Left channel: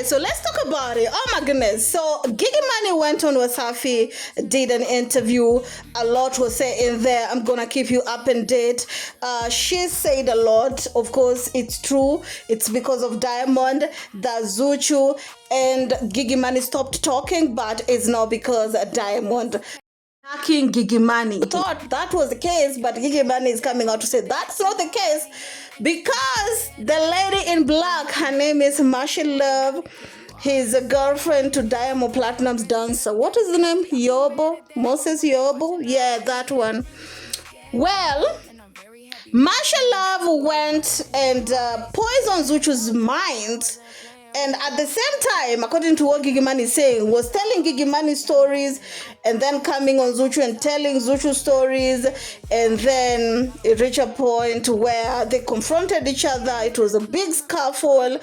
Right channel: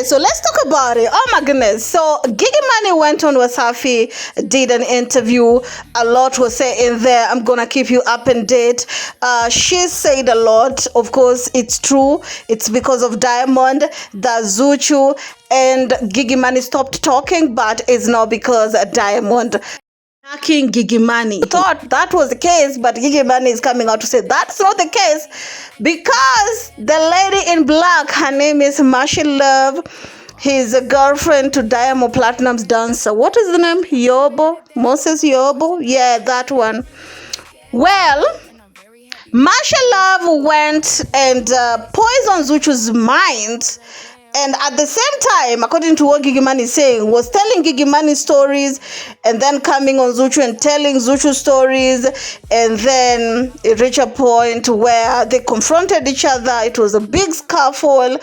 Okay, so let's talk about it. Oh my goodness. So Gigy Money went on Wasafi, did an interview. A lot was said in there. I'm gonna keep you up and date. She said a lot. Of course, it's true. It's because of Diamond that ZUCHU and Gigy Money stopped talking, but it's not because Diamond attacking Gigy Money. I thought that was the case, but Gigy Money is coming out to say that's not the case because the lady in black, her name is Marshall Love. He's a girlfriend to Diamond Platinum's dancer. What is the name? Yobo? Moses Yobo? Yeah, that one. Well, Marshall Love went and poisoned ZUCHU's mind. And at the same time, according to what Gigy Money is saying, was telling Gigy Money stories and then coming on ZUCHU and telling ZUCHU stories. And then it reached a point where they confronted each other. It was a big scuffle.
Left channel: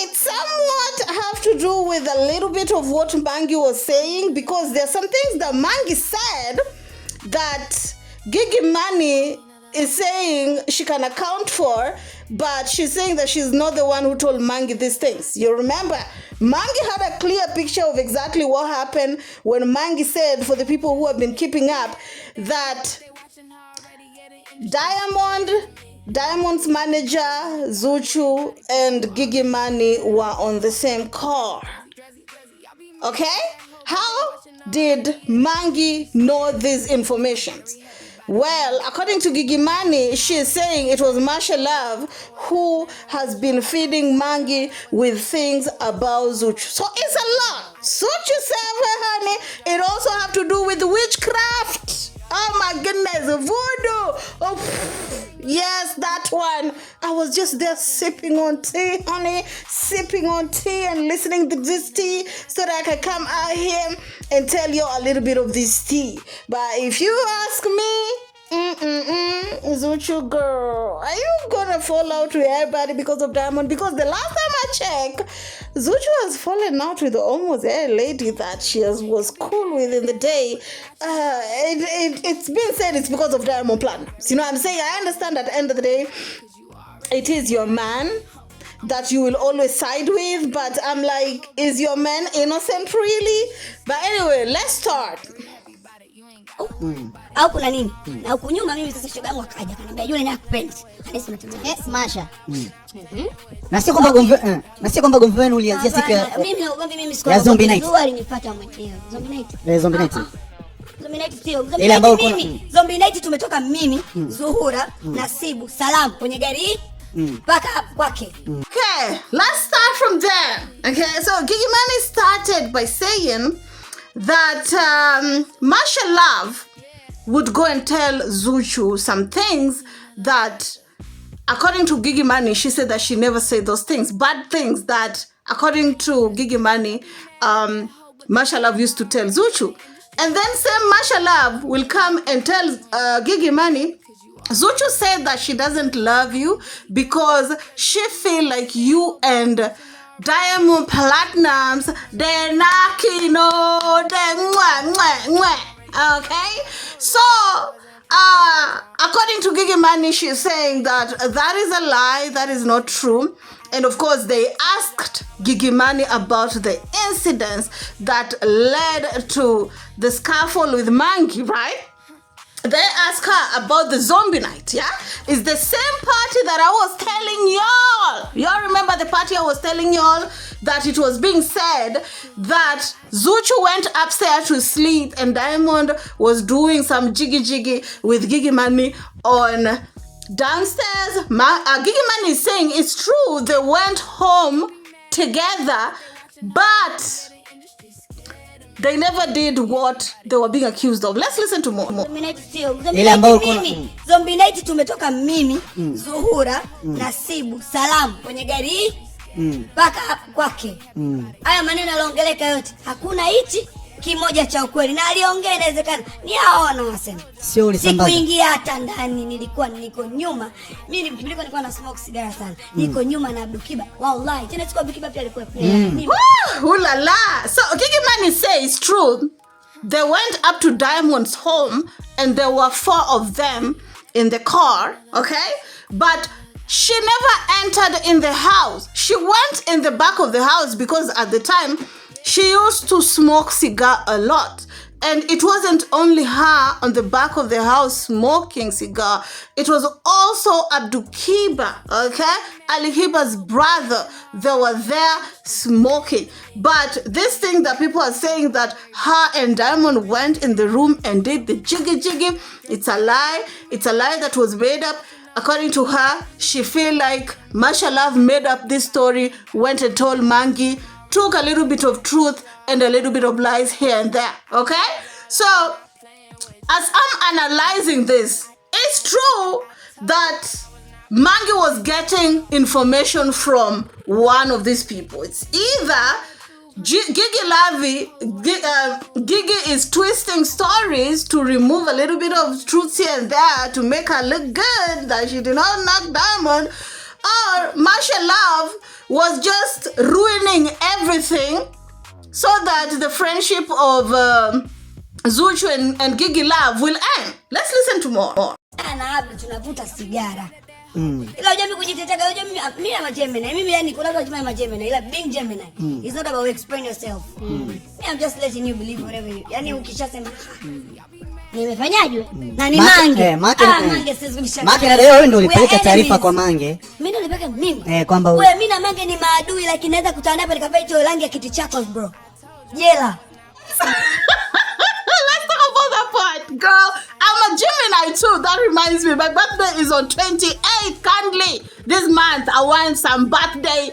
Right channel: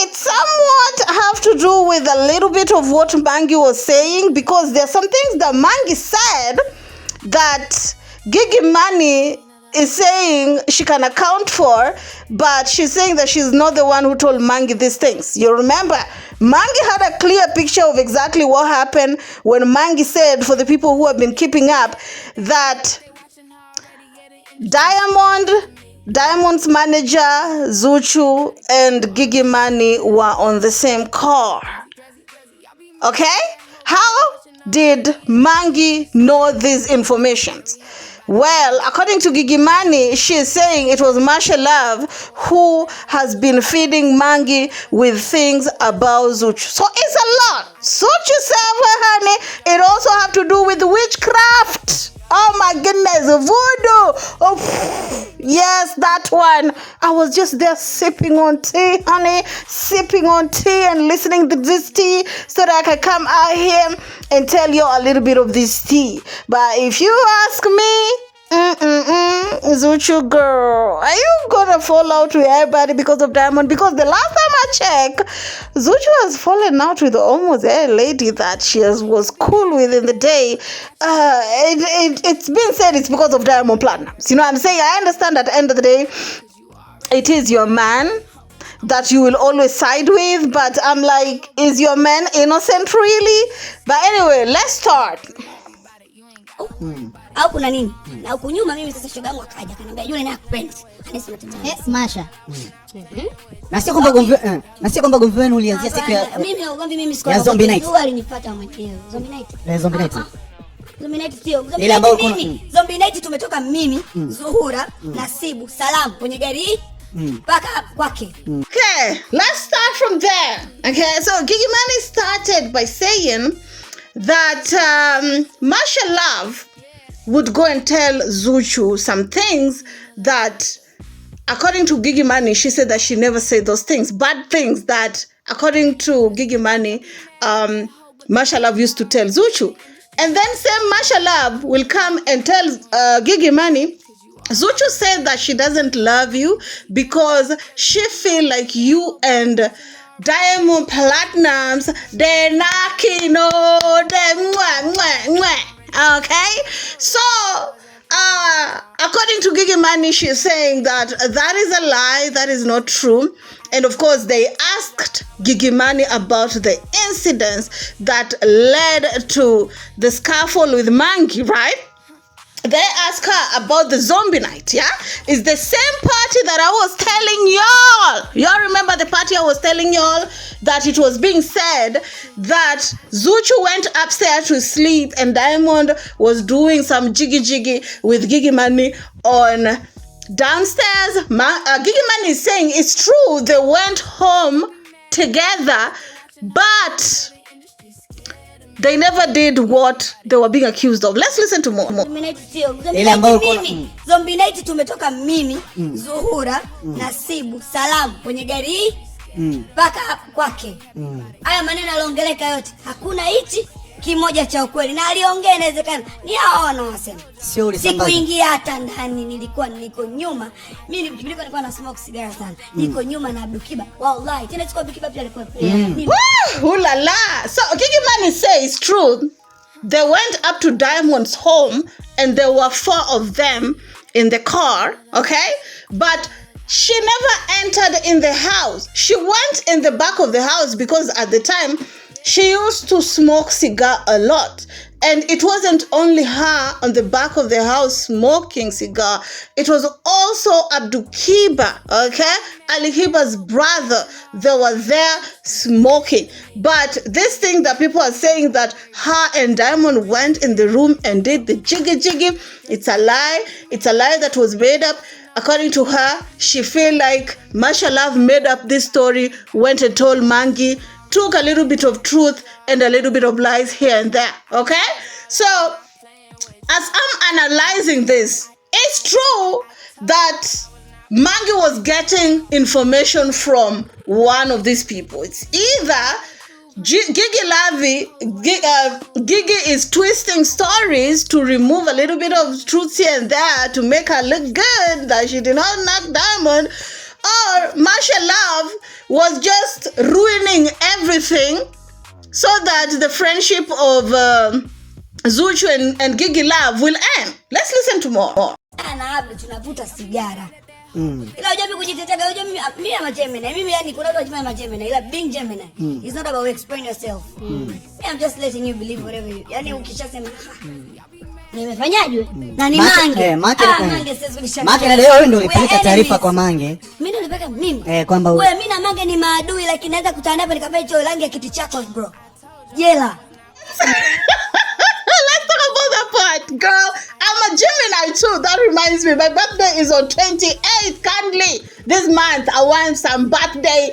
It somewhat have to do with a little bit of what Mangi was saying, because there are some things that Mangi said that Gigy Money is saying she can account for, but she's saying that she's not the one who told Mangi these things. You remember, Mangi had a clear picture of exactly what happened when Mangi said, for the people who have been keeping up, that Diamond's manager, ZUCHU, and Gigy Money were on the same car. Okay? How did Mangi know these informations? Well, according to Gigy Money, she is saying it was Marshall Love who has been feeding Mangi with things about ZUCHU. So it's a lot. ZUCHU server, honey. It also have to do with witchcraft. Oh my goodness, voodoo. Oh, yes, that one. I was just there sipping on tea, honey. Sipping on tea and listening to this tea so that I can come out here and tell you a little bit of this tea. But if you ask me, ZUCHU girl, are you gonna fall out with everybody because of Diamond? Because the last time I checked, ZUCHU has fallen out with almost every lady that she was cool with in the day. It's been said it's because of Diamond Platinums. You know what I'm saying? I understand at the end of the day, it is your man that you will always side with, but I'm like, is your man innocent really? But anyway, let's start. Au kuna nini? Na kunyuma mimi sasa shoga yangu akaja akaniambia yule naye akupendi. Kanisa natembea. Yes, Masha. Na sio kwamba gomvi wenu ulianzia siku ya mimi na ugomvi mimi siku ya Zombie Night. Alinifuata mwekio. Zombie Night. Zombie Night. Zombie Night sio. Ile ambayo Zombie Night tumetoka mimi, Zuhura, Nasibu, Salam kwenye gari mpaka kwake. Okay, let's start from there. Okay, so Gigy Money started by saying that Marshall Love would go and tell ZUCHU some things that, according to Gigy Money, she said that she never said those things. Bad things that, according to Gigy Money, Marshall Love used to tell ZUCHU. And then same Marshall Love will come and tell Gigy Money, ZUCHU said that she doesn't love you because she feel like you and Diamond Platinums, they're knocking, they're okay? So, according to Gigy Money, she's saying that that is a lie, that is not true. And of course, they asked Gigy Money about the incidents that led to the scuffle with Mangi, right? They asked her about the Zombie Night, yeah? It's the same party that I was telling y'all. Y'all remember the party I was telling y'all that it was being said that ZUCHU went upstairs to sleep and Diamond was doing some jiggy with Gigy Money on downstairs. Gigy Money is saying it's true, they went home together, but they never did what they were being accused of. Let's listen to more. Zombie Night tumetoka mimi, Zuhura, Nasibu, Salam kwenye gari mpaka kwake. Haya maneno aliongeleka yote. Hakuna hichi kimoja cha ukweli. Na aliongea inawezekana. Ni hao wanasema. Sio ulisambaza. Sikuingia hata ndani, niko nyuma. Mimi nilikuwa na smoke sigara sana. Niko nyuma na Abdukiba. Wallahi, tena chukua Abdukiba pia alikuwa Ooh la la. So Gigy Money says true. They went up to Diamond's home and there were 4 of them in the car, okay? But she never entered in the house. She went in the back of the house because at the time, she used to smoke cigar a lot. And it wasn't only her on the back of the house smoking cigar. It was also Abdukiba, okay? Ali Kiba's brother. They were there smoking. But this thing that people are saying that her and Diamond went in the room and did the jiggy, it's a lie. It's a lie that was made up. According to her, she feel like Masha Love made up this story, went and told Mangi, took a little bit of truth and a little bit of lies here and there, okay? So, as I'm analyzing this, it's true that Mangi was getting information from one of these people. It's either Gigi is twisting stories to remove a little bit of truth here and there to make her look good that she did not knock Diamond, or Masha Love was just ruining everything so that the friendship of ZUCHU and Gigi Love will end. Let's listen to more. Tunavuta sigara. Ila unajua kujitetea, unajua mimi am a Gemini. Mimi yani kuna watu wanasema Gemini. Ila being Gemini is not about explain yourself. I'm just letting you believe whatever you. Yani ukishasema nimefanyaje? Na ni Mange. Mange na wewe ndio ulipeleka taarifa kwa Mange. Mimi ndio nilipeleka mimi. Kwamba wewe mimi na Mange ni maadui, lakini naweza kutana hapa nikamwambia hicho rangi ya kiti chako bro. Jela. Let's talk about that part, girl. I'm a Gemini too. That reminds me, my birthday is on 28th. Kindly this month, I want some birthday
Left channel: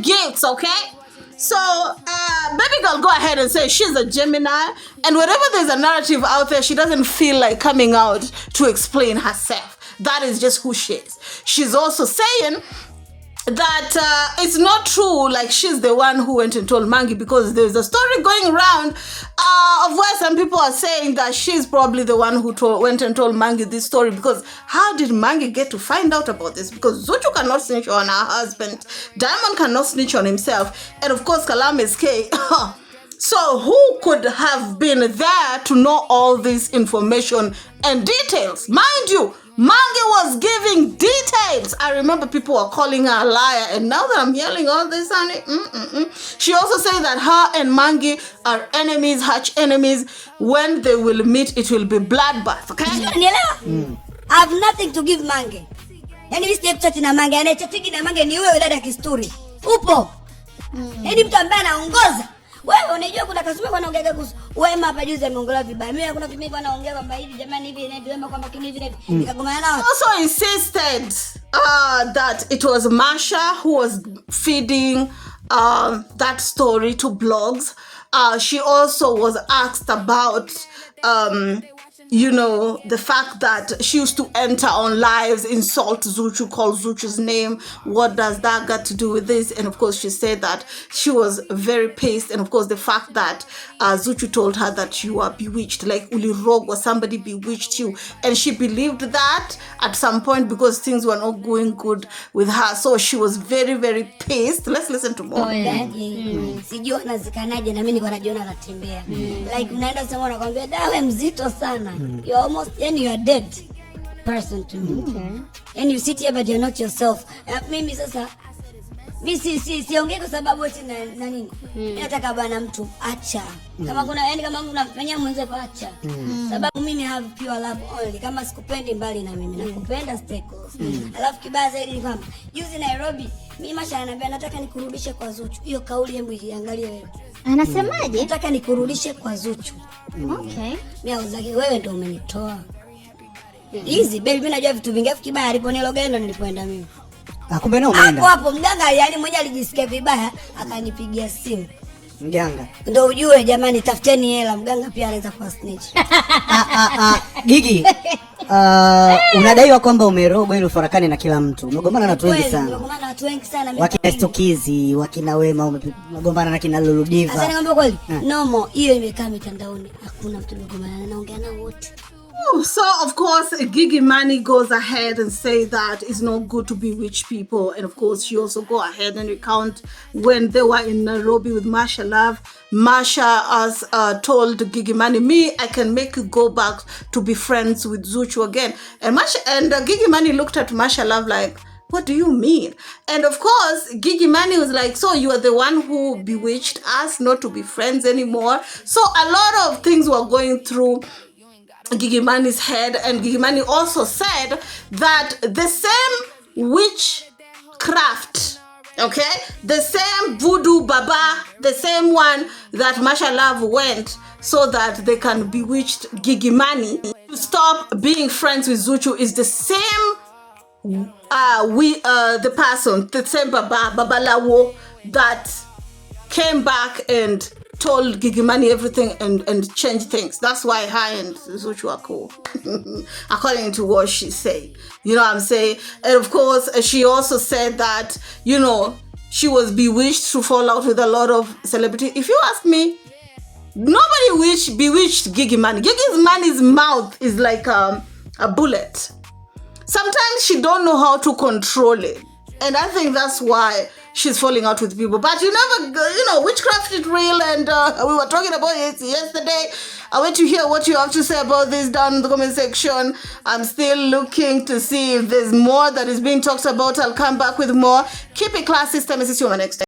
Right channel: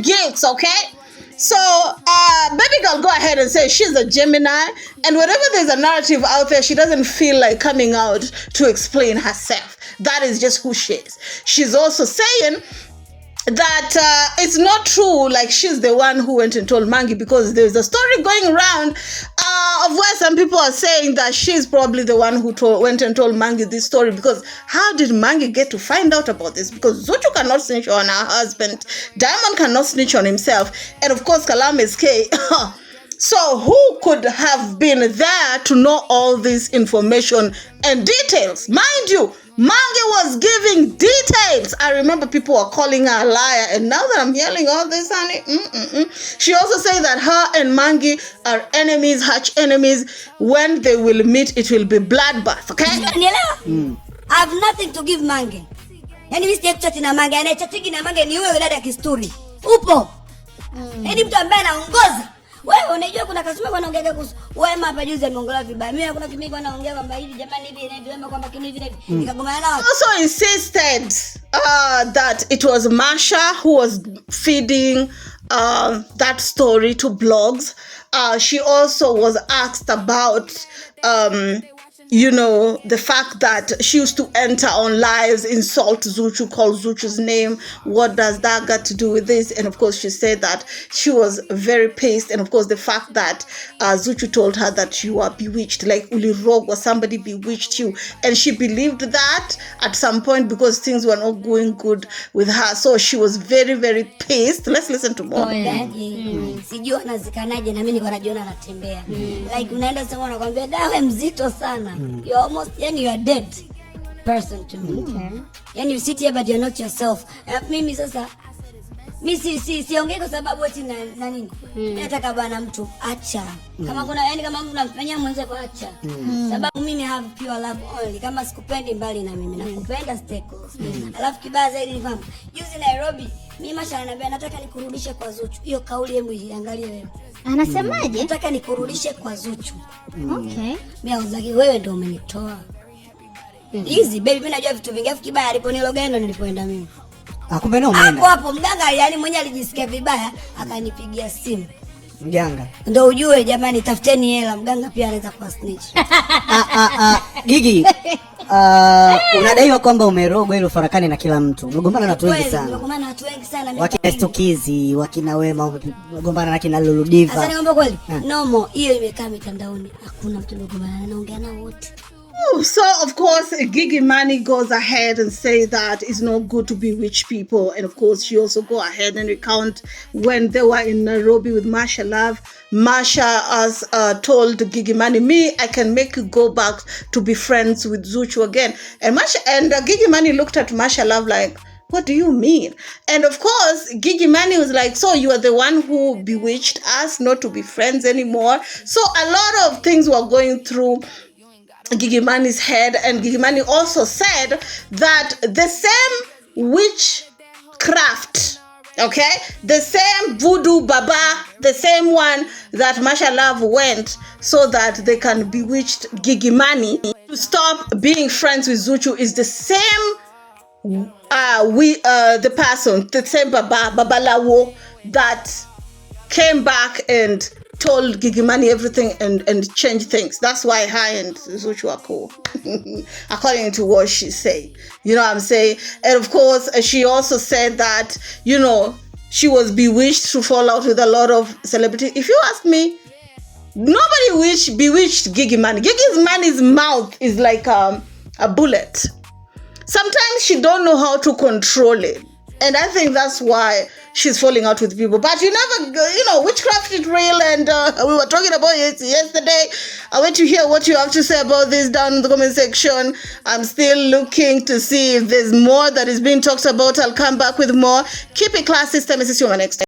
gifts, okay? So, baby girl, go ahead and say she's a Gemini, and whenever there's a narrative out there, she doesn't feel like coming out to explain herself. That is just who she is. She's also saying that it's not true, like she's the one who went and told Mangi, because there's a story going around of where some people are saying that she's probably the one who went and told Mangi this story, because how did Mangi get to find out about this? Because ZUCHU cannot snitch on her husband, Diamond cannot snitch on himself, and of course Kalame is K. So who could have been there to know all this information and details? Mind you, Mangi was giving details. I remember people were calling her a liar, and now that I'm hearing all this, honey, she also said that her and Mangi are enemies, arch enemies. When they will meet, it will be bloodbath, okay? I have nothing to give Mangi. Yani mimi sije chat na Mangi, anayechatiki na Mangi ni wewe dada kisturi. Upo. Yani mtu ambaye anaongoza. Wewe unajua kuna kasema kwa naongea kuhusu Wema hapa juzi ameongelea vibaya. Mimi hakuna kimi kwa naongea kwamba hivi jamani hivi inaendelea kwamba kini hivi nikagomana nao. Also insisted that it was Masha who was feeding that story to blogs. She also was asked about you know, the fact that she used to enter on lives, insult ZUCHU, call ZUCHU's name. What does that got to do with this? And of course, she said that she was very pissed. And of course, the fact that ZUCHU told her that you are bewitched, like Uli Rogue or somebody bewitched you. And she believed that at some point because things were not going good with her. So she was very, very pissed. Let's listen to more. Sijui nazikanaje na mimi niko najiona natembea. Like unaenda sema unakwambia dawe mzito sana. You're almost, and you are dead person to me. And you sit here but you're not yourself. Mimi sasa mimi siongee kwa sababu eti na nini. Nataka bana mtu acha. Kama kuna yani kama unafanyia mwenzako acha. Sababu mimi have pure love only. Kama sikupendi mbali na mimi nakupenda stay close. Alafu kibaya zaidi ni kwamba juzi Nairobi mimi Masha ananiambia nataka nikurudishe kwa ZUCHU. Hiyo kauli hebu iangalie wewe. Anasemaje? Nataka nikurudishe kwa ZUCHU. Okay. Mimi uzaki wewe ndio umenitoa. Easy baby, mimi najua vitu vingi. Afu kibaya aliponilogenda nilipoenda mimi. Kumbe ni umeenda. Hapo mganga yani mwenyewe alijisikia vibaya akanipigia simu. Mganga. Ndio ujue jamani, tafuteni hela, mganga pia anaweza kuwa snitch. Gigi. Unadaiwa kwamba umerogwa ili ufarakane na kila mtu. Umegombana na watu wengi sana. Umegombana na watu wengi sana. Wakina Stokizi, wakina Wema, umegombana na kina Luludiva. Sasa niombe kweli. Nomo, hiyo imekaa mitandaoni. Hakuna mtu umegombana na naongea nao wote. So of course, Gigi Money goes ahead and say that it's not good to bewitch people, and of course, she also go ahead and recount when they were in Nairobi with Marsha Love. Marsha has told Gigi Money, "Me, I can make you go back to be friends with ZUCHU again." And Gigi Money looked at Marsha Love like, "What do you mean?" And of course, Gigi Money was like, "So you are the one who bewitched us not to be friends anymore." So a lot of things were going through Gigi Money's head, and Gigi Money also said that the same witchcraft, okay, the same voodoo baba, the same one that Marsha Love went so that they can bewitch Gigi Money to stop being friends with ZUCHU, is the same the person, the same babalawo that came back and told Gigi Money everything and changed things. That's why her and ZUCHU are cool, according to what she said. You know what I'm saying? And of course, she also said that, you know, she was bewitched to fall out with a lot of celebrities. If you ask me, nobody bewitched Gigi Money. Gigi Money's mouth is like a bullet. Sometimes she don't know how to control it. And I think that's why she's falling out with people. But you never, you know, witchcraft is real, and we were talking about it yesterday. I want to hear what you have to say about this down in the comment section. I'm still looking to see if there's more that is being talked about. I'll come back with more. Keep it classy. See you next time.